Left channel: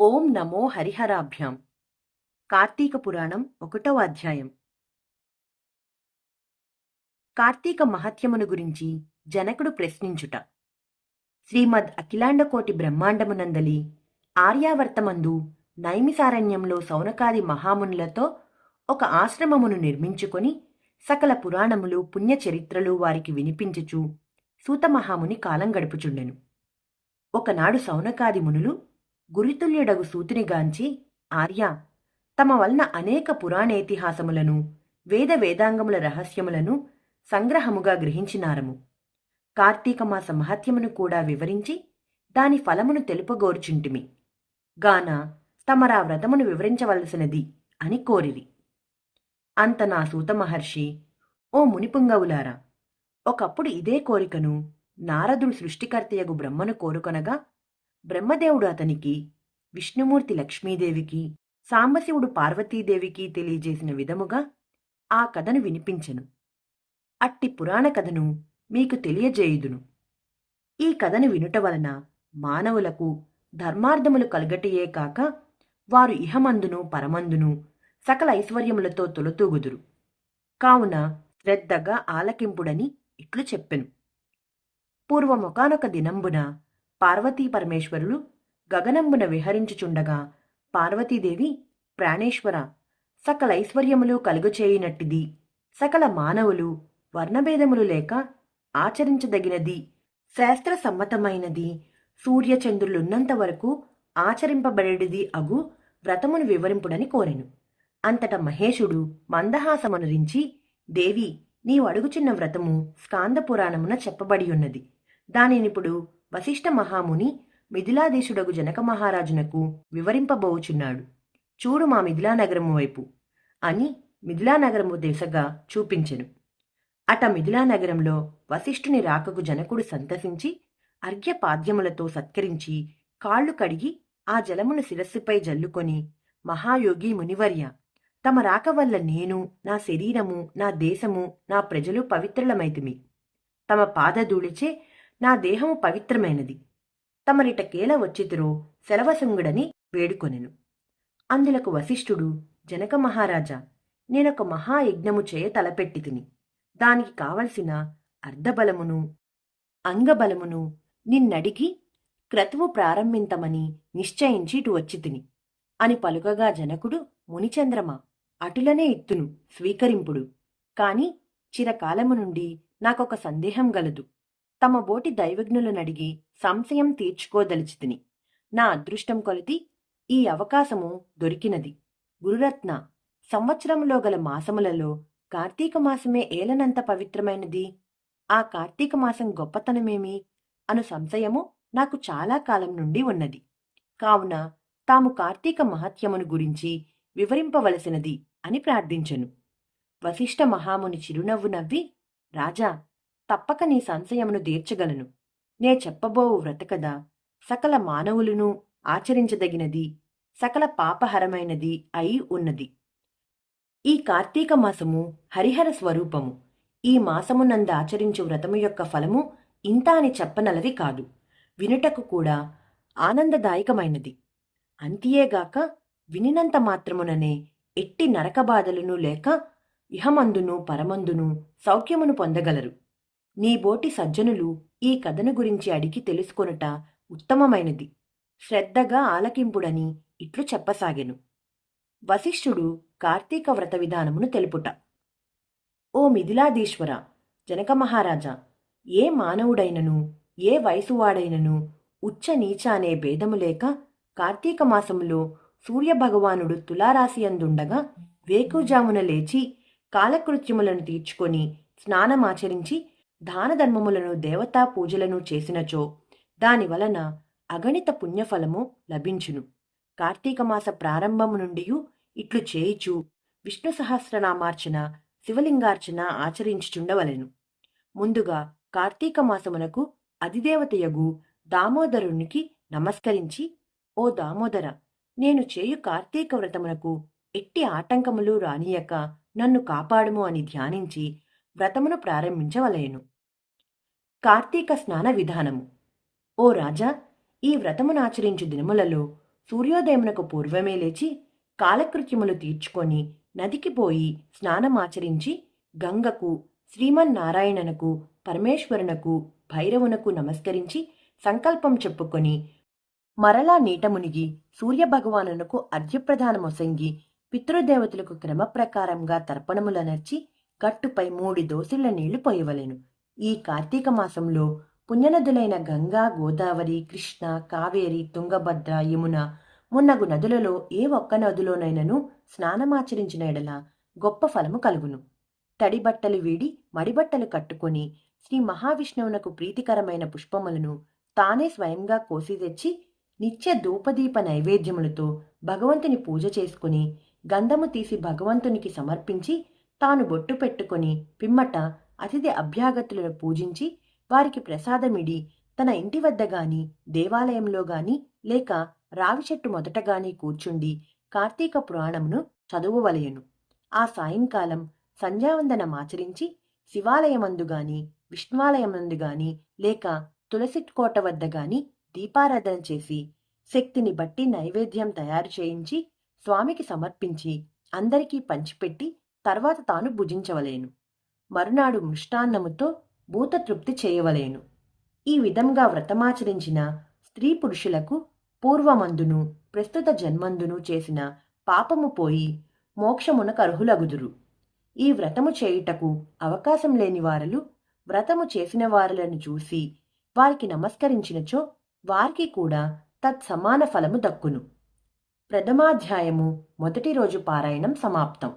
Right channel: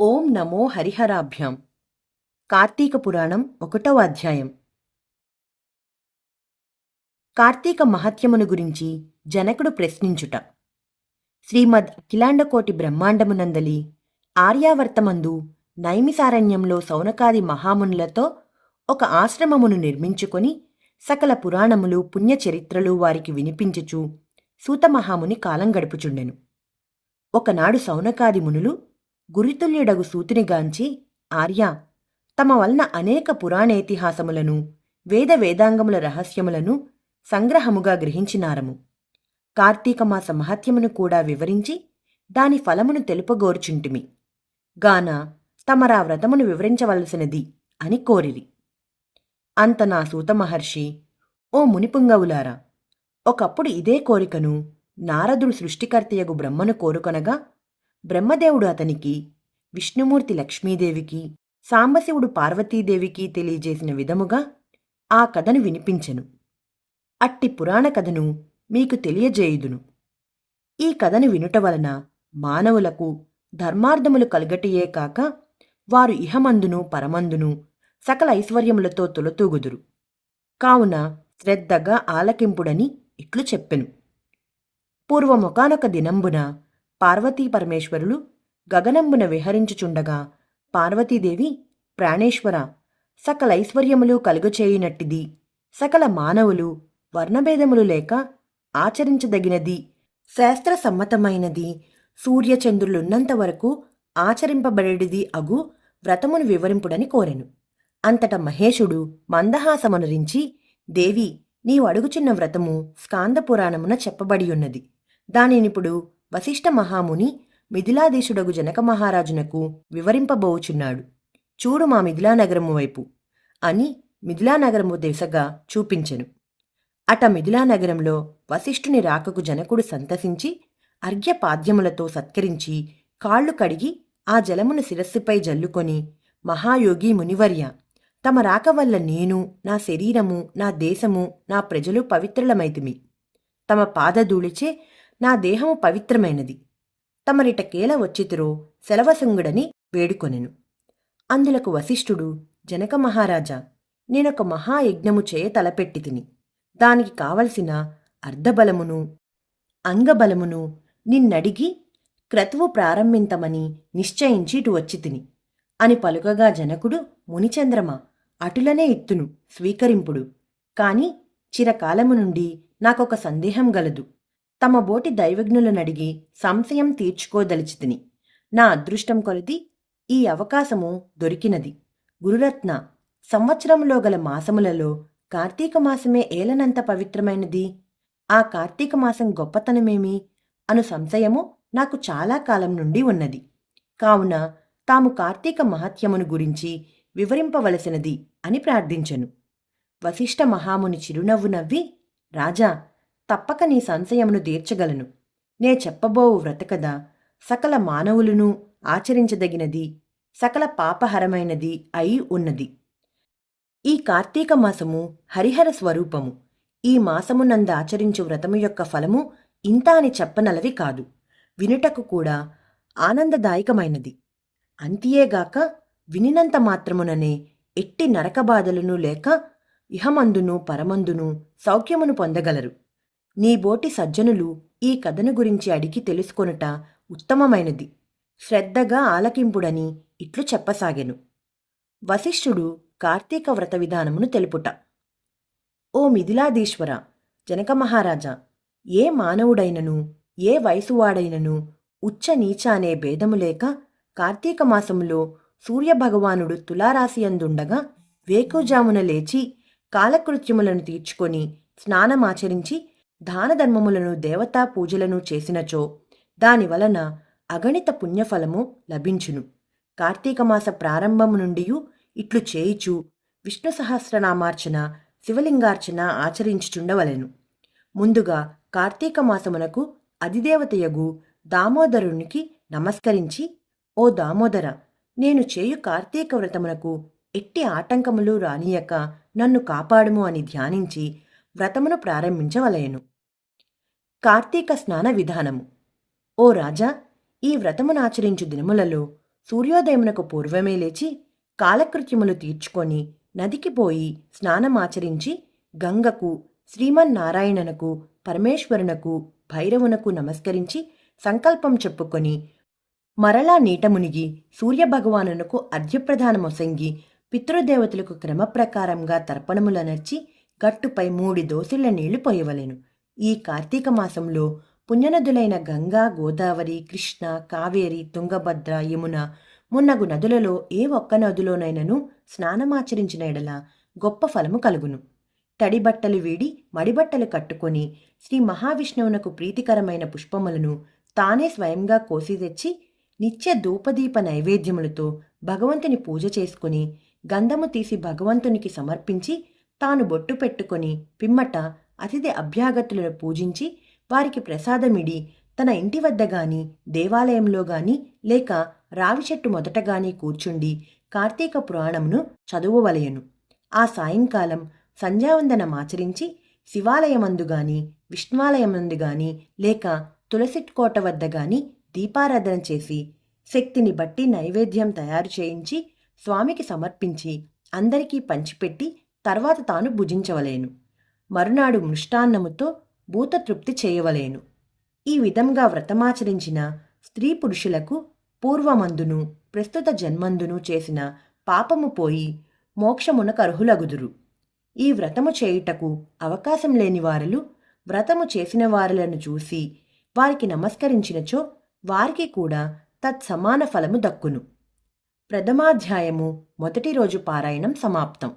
ఓం నమో హరిహరాభ్యాం. కార్తీక పురాణం ఒకటవ అధ్యాయం. కార్తీక మహత్యమును గురించి జనకుడు ప్రశ్నించుట. శ్రీమద్ అఖిలాండకోటి బ్రహ్మాండమునందలి ఆర్యావర్తమందు నైమిసారణ్యంలో సౌనకాది మహామునులతో ఒక ఆశ్రమమును నిర్మించుకొని సకల పురాణములు పుణ్యచరిత్రలు వారికి వినిపించుచు సూతమహాముని కాలం గడుపుచుండెను. ఒకనాడు సౌనకాది మునులు గురితుల్యుడగు సూతునిగాంచి ఆర్య తమ వలన అనేక పురాణేతిహాసములను వేద వేదాంగముల రహస్యములను సంగ్రహముగా గ్రహించినారము. కార్తీకమాస మహత్యమును కూడా వివరించి దాని ఫలమును తెలుపగోర్చుంటిమి. గాన తమరా వ్రతమును వివరించవలసినది అని కోరిరి. అంత నా సూత మహర్షి ఓ మునిపుంగవులారా ఒకప్పుడు ఇదే కోరికను నారదుడు సృష్టికర్తయగు బ్రహ్మను కోరుకొనగా బ్రహ్మదేవుడు అతనికి విష్ణుమూర్తి లక్ష్మీదేవికి సాంబశివుడు పార్వతీదేవికి తెలియజేసిన విధముగా ఆ కథను వినిపించెను. అట్టి పురాణ కథను మీకు తెలియజేయుదును. ఈ కథను వినుట వలన మానవులకు ధర్మార్థములు కలగటియే కాక వారు ఇహమందును పరమందును సకల ఐశ్వర్యములతో తొలతూగుదురు. కావున శ్రద్ధగా ఆలకింపుడని ఇట్లు చెప్పెను. పూర్వమొకానొక దినంబున పార్వతీ పరమేశ్వరులు గగనంబున విహరించుచుండగా పార్వతీదేవి ప్రాణేశ్వర సకల ఐశ్వర్యములు కలుగుచేయునట్టిది. సకల మానవులు వర్ణభేదములు లేక ఆచరించదగినది. శాస్త్ర సమ్మతమైనది. సూర్యచంద్రులున్నంత వరకు ఆచరింపబడేది అగు వ్రతమును వివరింపుడని కోరెను. అంతట మహేశుడు మందహాసమనురించి దేవి నీవు అడుగుచున్న వ్రతము స్కాంద పురాణమున దానినిప్పుడు వశిష్ఠ మహాముని మిథిలాదేశుడగు జనక మహారాజునకు వివరింపబోచున్నాడు. చూడు మా మిథిలానగరము వైపు అని మిథిలానగరము దిశగా చూపించెను. అట మిథిలానగరంలో వశిష్ఠుని రాకకు జనకుడు సంతసించి అర్ఘ్యపాద్యములతో సత్కరించి కాళ్ళు కడిగి ఆ జలమును శిరస్సుపై జల్లుకొని మహాయోగి మునివర్య తమ రాక వల్ల నేను నా శరీరము నా దేశము నా ప్రజలు పవిత్రులమైతిమి. తమ పాదధూళిచే నా దేహము పవిత్రమైనది. తమరిటకేల వచ్చితిరో సెలవసంగుడని వేడుకొనెను. అందులకు వశిష్ఠుడు జనక మహారాజా నేనొక మహాయజ్ఞము చేయ తలపెట్టి తిని దానికి కావలసిన అర్ధబలమును అంగబలమును నిన్నడిగి క్రతువు ప్రారంభింతమని నిశ్చయించి ఇటు వచ్చి తిని అని పలుకగా జనకుడు మునిచంద్రమ అటులనే ఇత్తును స్వీకరింపుడు. కాని చిరకాలము నుండి నాకొక సందేహం గలదు. తమ బోటి దైవజ్ఞులనడిగి సంశయం తీర్చుకోదలిచితిని. నా అదృష్టం కొలది ఈ అవకాశము దొరికినది. గురురత్న సంవత్సరంలో గల మాసములలో కార్తీక మాసమే ఏలనంత పవిత్రమైనది. ఆ కార్తీక మాసం గొప్పతనమేమి అను సంశయము నాకు చాలా కాలం నుండి ఉన్నది. కావున తాము కార్తీక మహత్యమును గురించి వివరింపవలసినది అని ప్రార్థించెను. వశిష్ఠ మహాముని చిరునవ్వు నవ్వి రాజా తప్పక నీ సంశయమును తీర్చగలను. నే చెప్పబోవు వ్రతకథ సకల మానవులను ఆచరించదగినది సకల పాపహరమైనది అయి ఉన్నది. ఈ కార్తీక మాసము హరిహర స్వరూపము. ఈ మాసమునంద ఆచరించు వ్రతము యొక్క ఫలము ఇంత అని చెప్పనలవి కాదు. వినుటకు కూడా ఆనందదాయకమైనది. అంతియేగాక వినినంత మాత్రముననే ఎట్టి నరకబాధలను లేక ఇహమందును పరమందును సౌఖ్యమును పొందగలరు. నీ బోటి సజ్జనులు ఈ కథను గురించి అడిగి తెలుసుకొనుట ఉత్తమమైనది. శ్రద్ధగా ఆలకింపుడని ఇట్లు చెప్పసాగెను. వశిష్ఠుడు కార్తీక వ్రత విధానమును తెలుపుట. ఓ మిథిలాదీశ్వర జనక మహారాజా ఏ మానవుడైనను ఏ వయసువాడైనను ఉచ్చ నీచ అనే భేదము లేక కార్తీక మాసములో సూర్యభగవానుడు తులారాశియందుండగా వేకుజామున లేచి కాలకృత్యములను తీర్చుకొని స్నానమాచరించి దానధర్మములను దేవతా పూజలను చేసినచో దానివలన అగణిత పుణ్యఫలము లభించును. కార్తీకమాస ప్రారంభము నుండి ఇట్లు చేయిచు విష్ణు సహస్రనామార్చన శివలింగార్చన ఆచరించుచుండవలెను. ముందుగా కార్తీక మాసమునకు అధిదేవతయగు దామోదరునికి నమస్కరించి ఓ దామోదర నేను చేయు కార్తీక వ్రతమునకు ఎట్టి ఆటంకములు రానియక నన్ను కాపాడుము అని ధ్యానించి వ్రతమును ప్రారంభించవలయను కార్తీక స్నాన విధానము. ఓ రాజా ఈ వ్రతమునాచరించు దినములలో సూర్యోదయమునకు పూర్వమే లేచి కాలకృత్యములు తీర్చుకొని నదికి పోయి స్నానమాచరించి గంగకు శ్రీమన్నారాయణనకు పరమేశ్వరునకు భైరవునకు నమస్కరించి సంకల్పం చెప్పుకొని మరలా నీట మునిగి సూర్యభగవానునకు అర్ఘ్యప్రదానమొసంగి పితృదేవతలకు క్రమప్రకారంగా తర్పణములనర్చి గట్టుపై మూడి దోసిళ్ళ నీళ్ళు పోయవలెను. ఈ కార్తీక మాసంలో పుణ్యనదులైన గంగా గోదావరి కృష్ణ కావేరి తుంగభద్ర యమున మున్నగు నదులలో ఏ ఒక్క నదిలోనైనను స్నానమాచరించిన ఎడల గొప్ప ఫలము కలుగును. తడి బట్టలు వీడి మడిబట్టలు కట్టుకొని శ్రీ మహావిష్ణువునకు ప్రీతికరమైన పుష్పములను తానే స్వయంగా కోసి తెచ్చి నిత్య ధూపదీప నైవేద్యములతో భగవంతుని పూజ చేసుకుని గంధము తీసి భగవంతునికి సమర్పించి తాను బొట్టు పెట్టుకొని పిమ్మట అతిథి అభ్యాగతులను పూజించి వారికి ప్రసాదమిడి తన ఇంటి వద్ద గాని దేవాలయంలో గాని లేక రావి చెట్టు మొదట గాని కూర్చుండి కార్తీక పురాణమును చదువువలయను ఆ సాయంకాలం సంధ్యావందనమాచరించి శివాలయమందు గాని విష్ణువాలయమందు గాని లేక తులసి కోట వద్ద గాని దీపారాధన చేసి శక్తిని బట్టి నైవేద్యం తయారు చేయించి స్వామికి సమర్పించి అందరికీ పంచిపెట్టి తర్వాత తాను భుజించవలేను. మరునాడు మృష్టాన్నముతో భూతతృప్తి చేయవలేను. ఈ విధంగా వ్రతమాచరించిన స్త్రీ పురుషులకు పూర్వమందును ప్రస్తుత జన్మందును చేసిన పాపము పోయి మోక్షమునకు అర్హులగుదురు. ఈ వ్రతము చేయుటకు అవకాశం లేని వారలు వ్రతము చేసిన వారలను చూసి వారికి నమస్కరించినచో వారికి కూడా తత్సమాన ఫలము దక్కును. ప్రథమాధ్యాయము మొదటి రోజు పారాయణం సమాప్తం.